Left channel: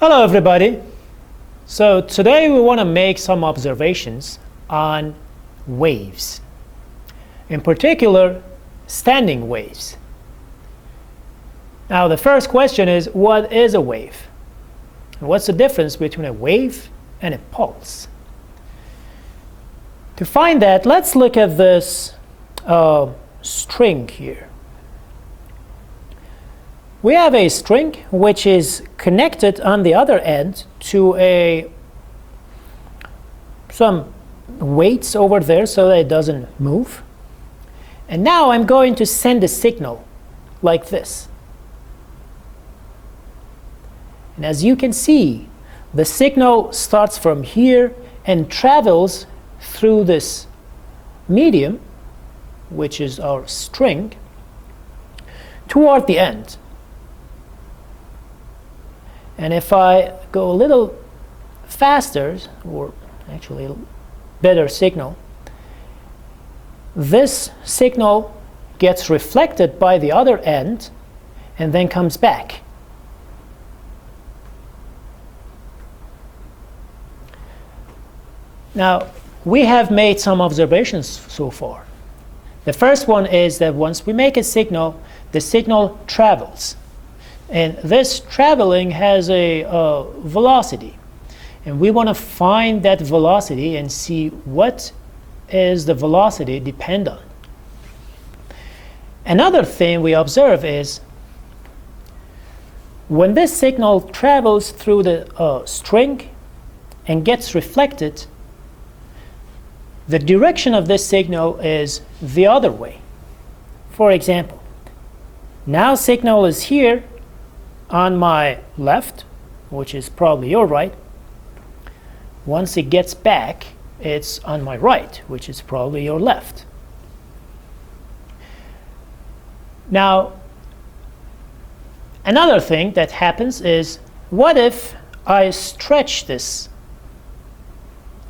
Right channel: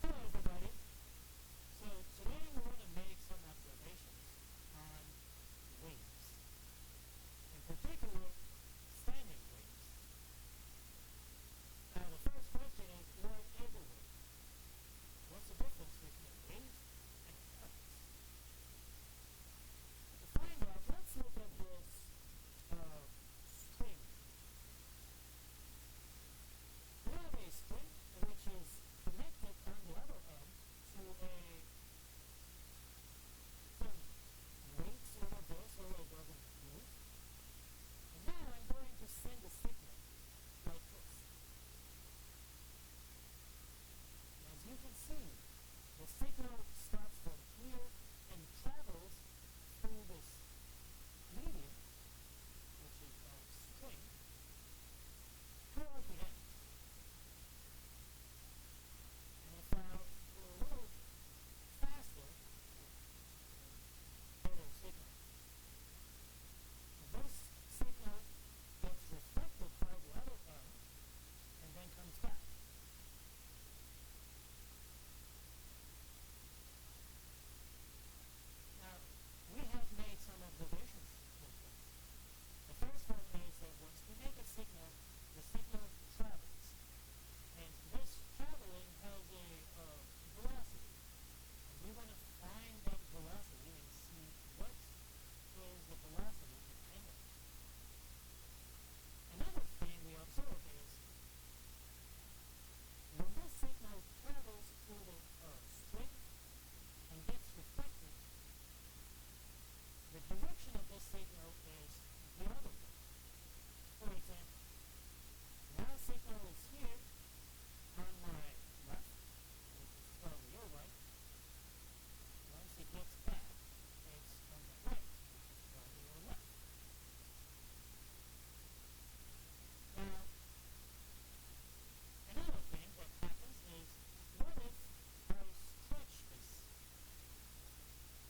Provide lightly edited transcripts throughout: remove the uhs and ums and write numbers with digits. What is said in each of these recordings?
Hello everybody. So today we want to make some observations on waves. In particular, standing waves. Now the first question is, what is a wave? And what's the difference between a wave and a pulse? To find that, let's look at this string here. We have a string which is connected on the other end to some weights over there so that it doesn't move. And now I'm going to send a signal like this. And as you can see, the signal starts from here and travels through this medium, which is our string, toward the end. And if I go a little faster, or actually a better signal, this signal gets reflected by the other end and then comes back. Now, we have made some observations so far. The first one is that once we make a signal, the signal travels. And this traveling has a velocity. And we want to find that velocity and see what is the velocity depend on. Another thing we observe is when this signal travels through the string and gets reflected, the direction of this signal is the other way. For example, now signal is here on my left, which is probably your right. Once it gets back, it's on my right, which is probably your left. Now, another thing that happens is, what if I stretch this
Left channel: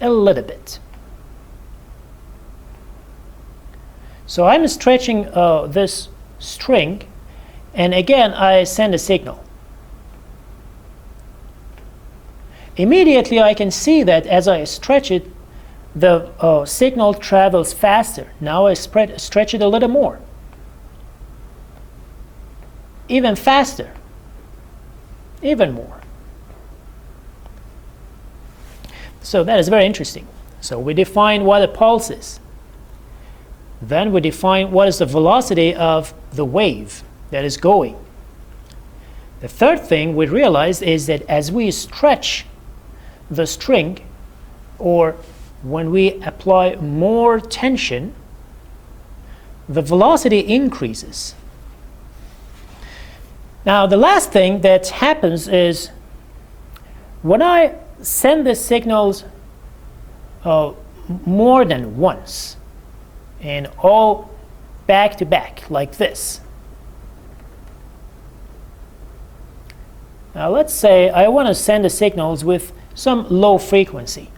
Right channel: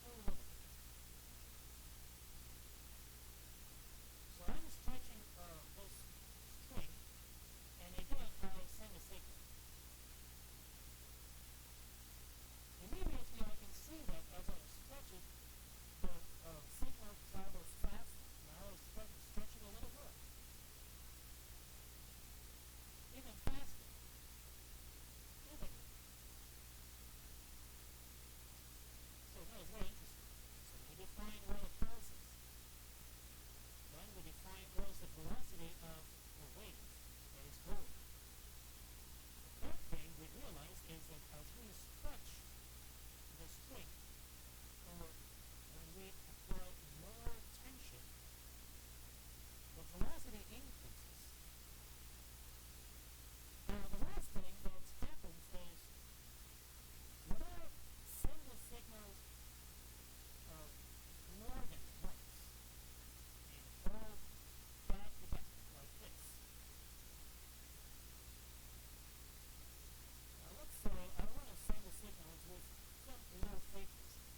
a little bit? So I'm stretching this string, and again I send a signal. Immediately I can see that as I stretch it, the signal travels faster. Now I stretch it a little more. Even faster. Even more. So that is very interesting. So we define what a pulse is. Then we define what is the velocity of the wave that is going. The third thing we realize is that as we stretch the string, or when we apply more tension, the velocity increases. Now the last thing that happens is when I send the signals more than once and all back to back like this. Now let's say I want to send the signals with some low frequency.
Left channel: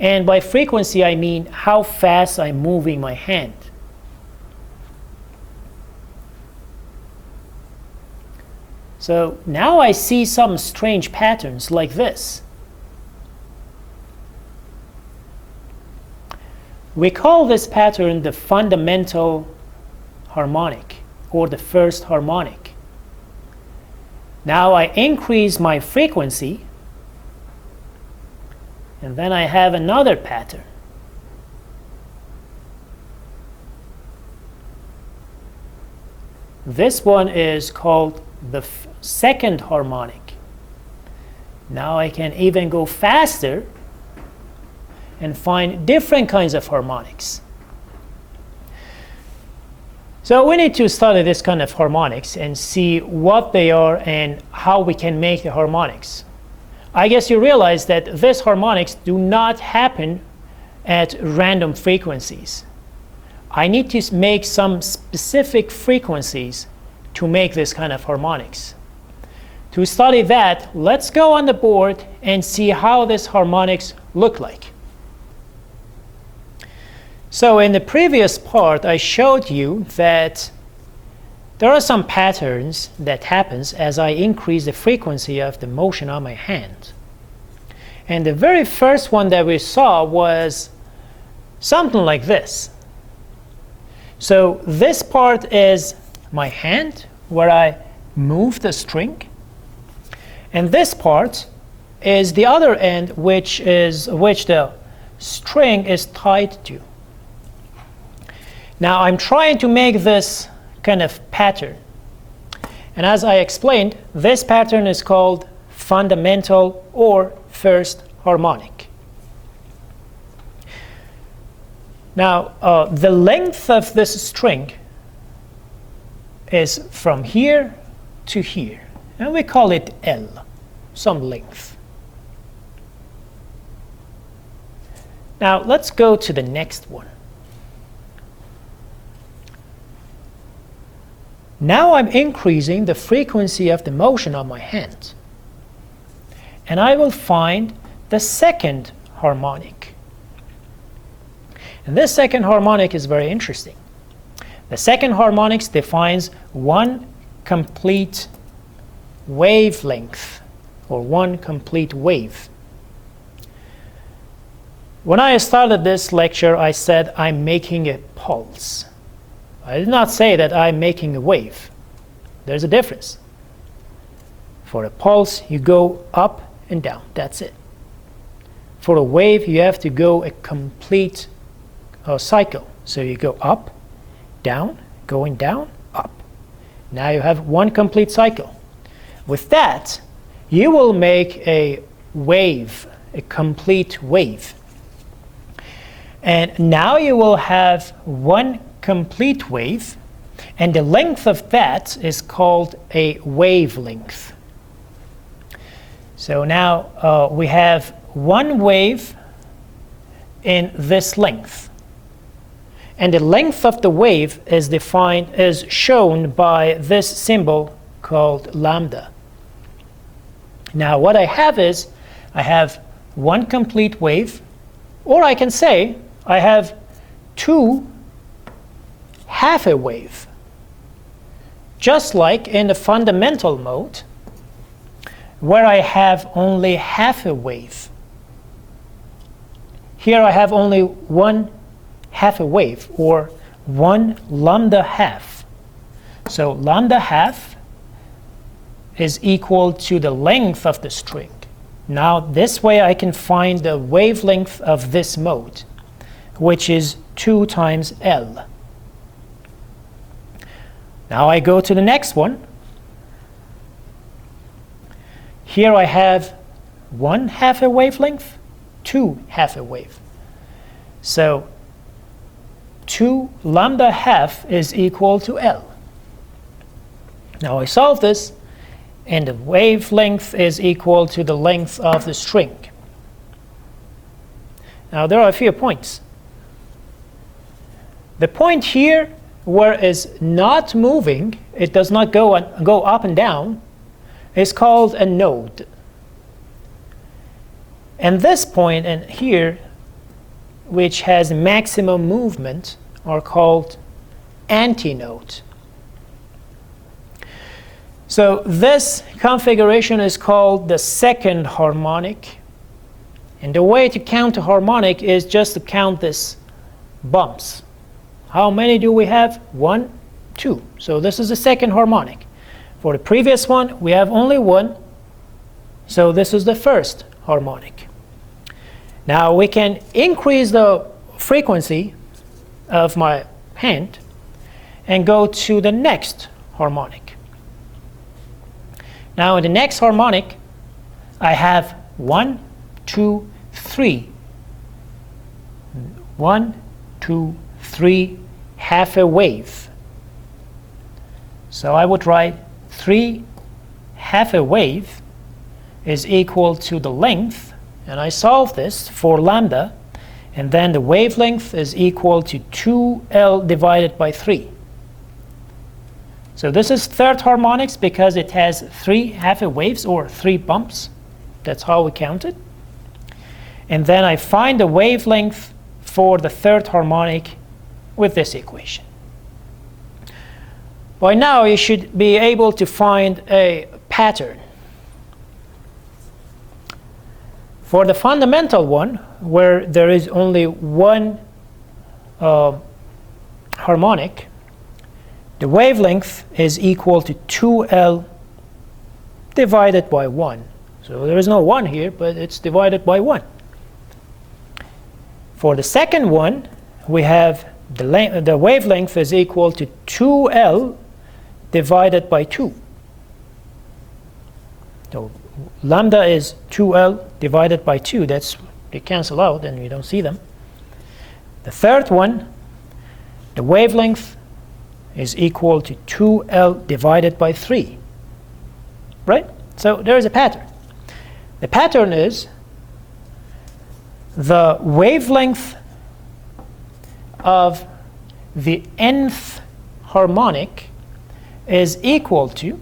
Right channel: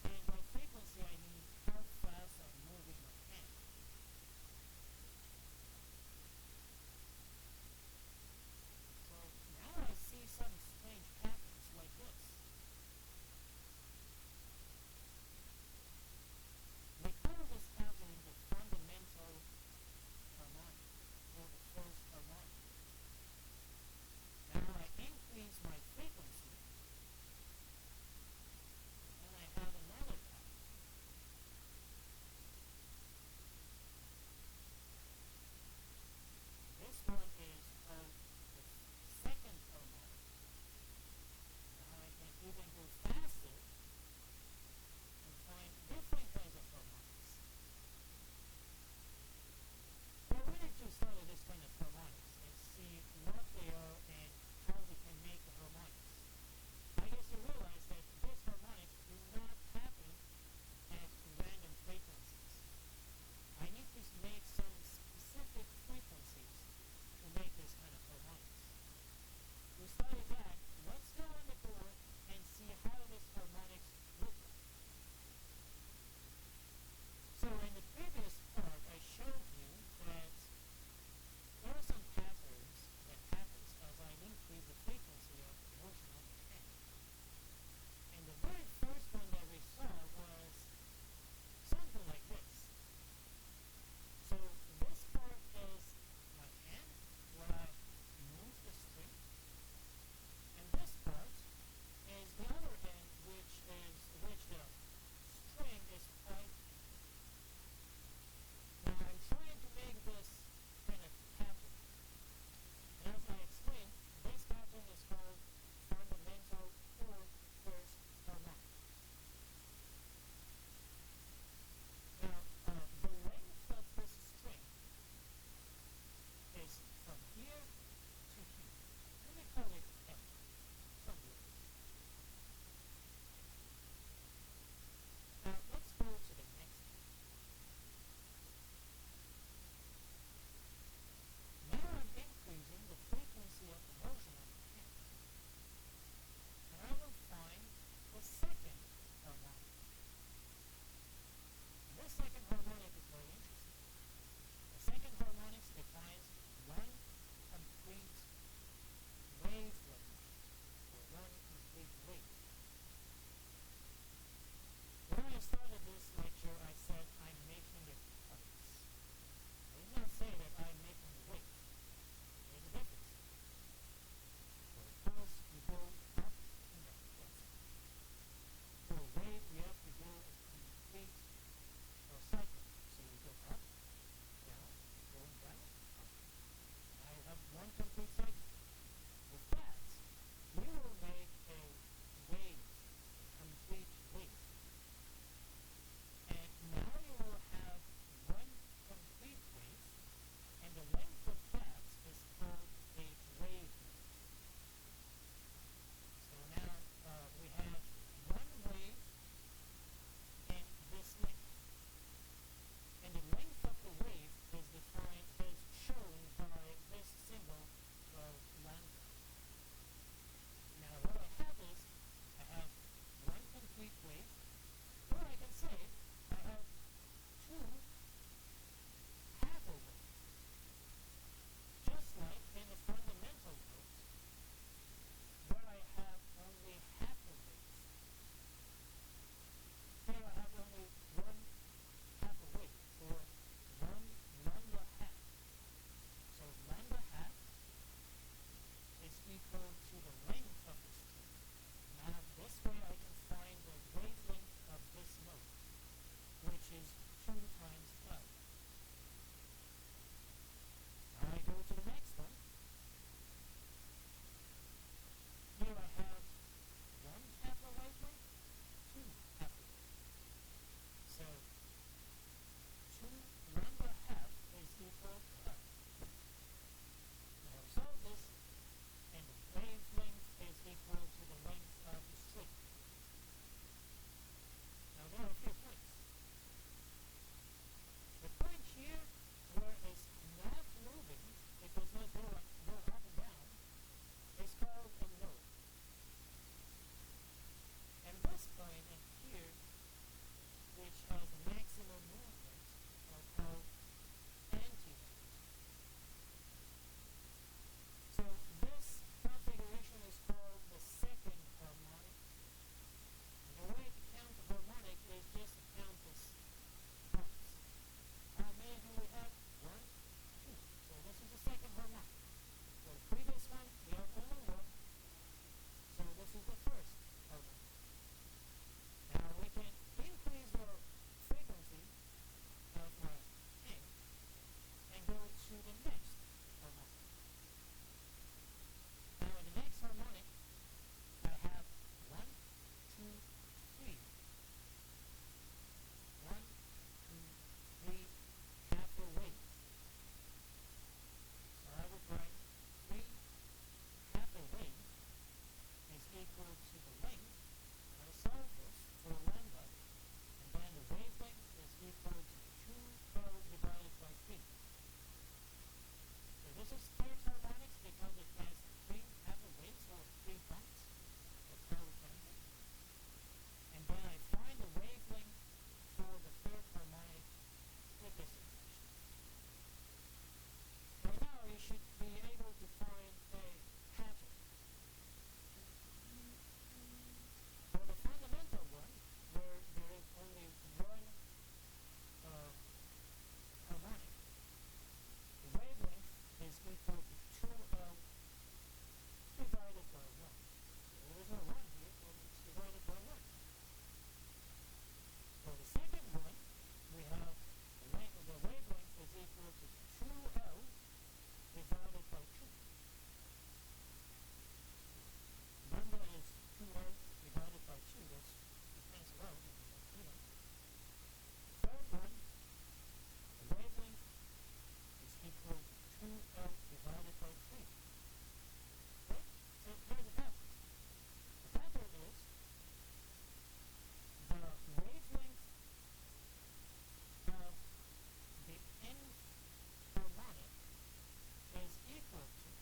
And by frequency I mean how fast I'm moving my hand. So now I see some strange patterns like this. We call this pattern the fundamental harmonic, or the first harmonic. Now I increase my frequency, and then I have another pattern. This one is called the second harmonic. Now I can even go faster and find different kinds of harmonics. So we need to study this kind of harmonics and see what they are and how we can make the harmonics. I guess you realize that these harmonics do not happen at random frequencies. I need to make some specific frequencies to make this kind of harmonics. To study that, let's go on the board and see how these harmonics look like. So in the previous part, I showed you that there are some patterns that happens as I increase the frequency of the motion on my hand. And the very first one that we saw was something like this. So this part is my hand, where I move the string. And this part is the other end, which the string is tied to. Now I'm trying to make this kind of pattern. And as I explained, this pattern is called fundamental or first harmonic. Now, the length of this string is from here to here, and we call it L, some length. Now, let's go to the next one. Now I'm increasing the frequency of the motion on my hand, and I will find the second harmonic. And this second harmonic is very interesting. The second harmonic defines one complete wavelength, or one complete wave. When I started this lecture, I said I'm making a pulse. I did not say that I'm making a wave. There's a difference. For a pulse, you go up and down. That's it. For a wave, you have to go a complete cycle. So you go up, down, going down, up. Now you have one complete cycle. With that, you will make a wave, a complete wave. And now you will have one complete wave, and the length of that is called a wavelength. So now we have one wave in this length, and the length of the wave is shown by this symbol called lambda. Now what I have is I have one complete wave, or I can say I have two half a wave, just like in the fundamental mode, where I have only half a wave. Here I have only one half a wave, or one lambda half. So lambda half is equal to the length of the string. Now this way I can find the wavelength of this mode, which is 2 times L. Now I go to the next one. Here I have one half a wavelength, two half a wave. So 2 lambda half is equal to L. Now I solve this, and the wavelength is equal to the length of the string. Now there are a few points. The point here where it's not moving, it does not go up and down, is called a node. And this point and here, which has maximum movement, are called antinode. So this configuration is called the second harmonic. And the way to count a harmonic is just to count these bumps. How many do we have? 1, 2. So this is the second harmonic. For the previous one, we have only one. So this is the first harmonic. Now we can increase the frequency of my hand and go to the next harmonic. Now in the next harmonic, I have 1, 2, 3. 1, 2, 3, half a wave. So I would write 3 half a wave is equal to the length, and I solve this for lambda, and then the wavelength is equal to 2L divided by 3. So this is third harmonics because it has 3 half a waves, or 3 bumps. That's how we count it. And then I find the wavelength for the third harmonic with this equation. By now, you should be able to find a pattern. For the fundamental one, where there is only one harmonic, the wavelength is equal to 2L divided by 1. So there is no 1 here, but it's divided by 1. For the second one, we have the wavelength is equal to 2L divided by 2. So lambda is 2L divided by 2. They cancel out and we don't see them. The third one, the wavelength is equal to 2L divided by 3. Right? So there is a pattern. The pattern is the wavelength of the nth harmonic is equal to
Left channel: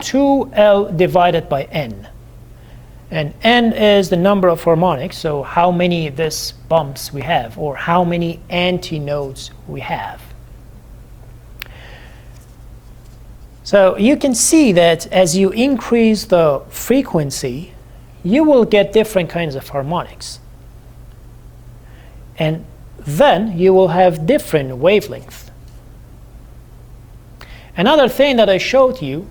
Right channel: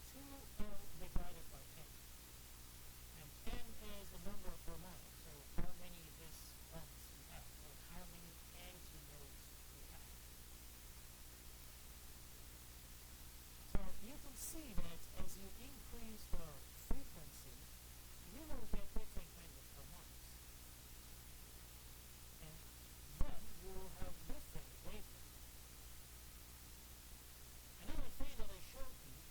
2L divided by n. And n is the number of harmonics, so how many of these bumps we have, or how many antinodes we have. So you can see that as you increase the frequency, you will get different kinds of harmonics. And then you will have different wavelengths. Another thing that I showed you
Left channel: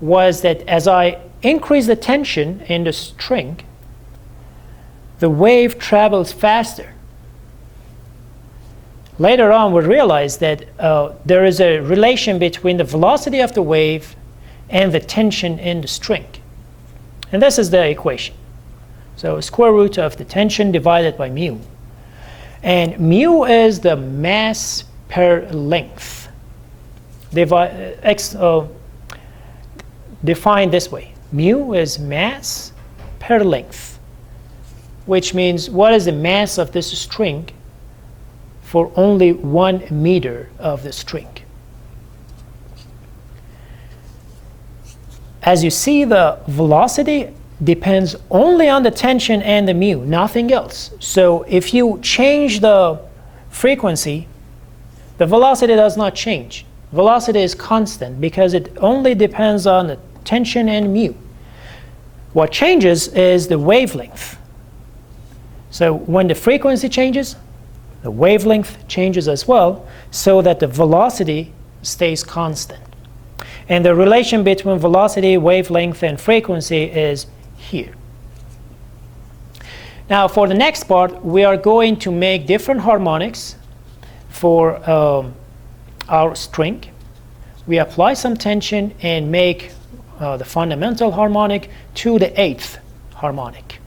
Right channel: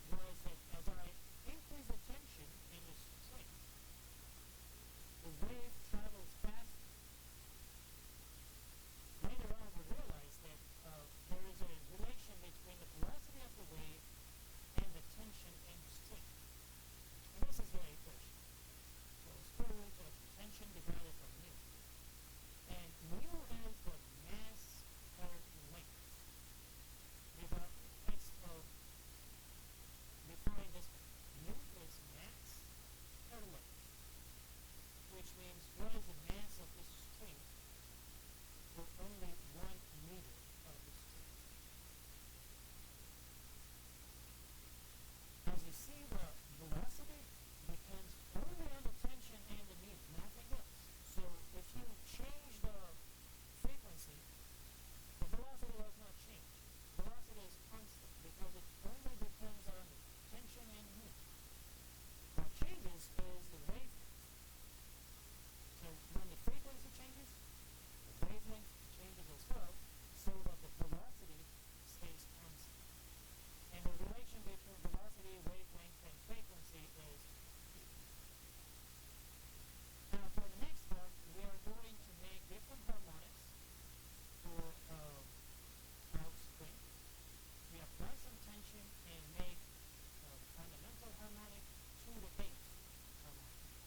was that as I increase the tension in the string, the wave travels faster. Later on, we realized that there is a relation between the velocity of the wave and the tension in the string. And this is the equation. So square root of the tension divided by mu. And mu is the mass per length. Defined this way. Mu is mass per length, which means what is the mass of this string for only 1 meter of the string. As you see, the velocity depends only on the tension and the mu, nothing else. So if you change the frequency, the velocity does not change. Velocity is constant because it only depends on the tension and mu. What changes is the wavelength. So when the frequency changes, the wavelength changes as well, so that the velocity stays constant. And the relation between velocity, wavelength, and frequency is here. Now for the next part, we are going to make different harmonics for our string. We apply some tension and make the fundamental harmonic to the 8th harmonic.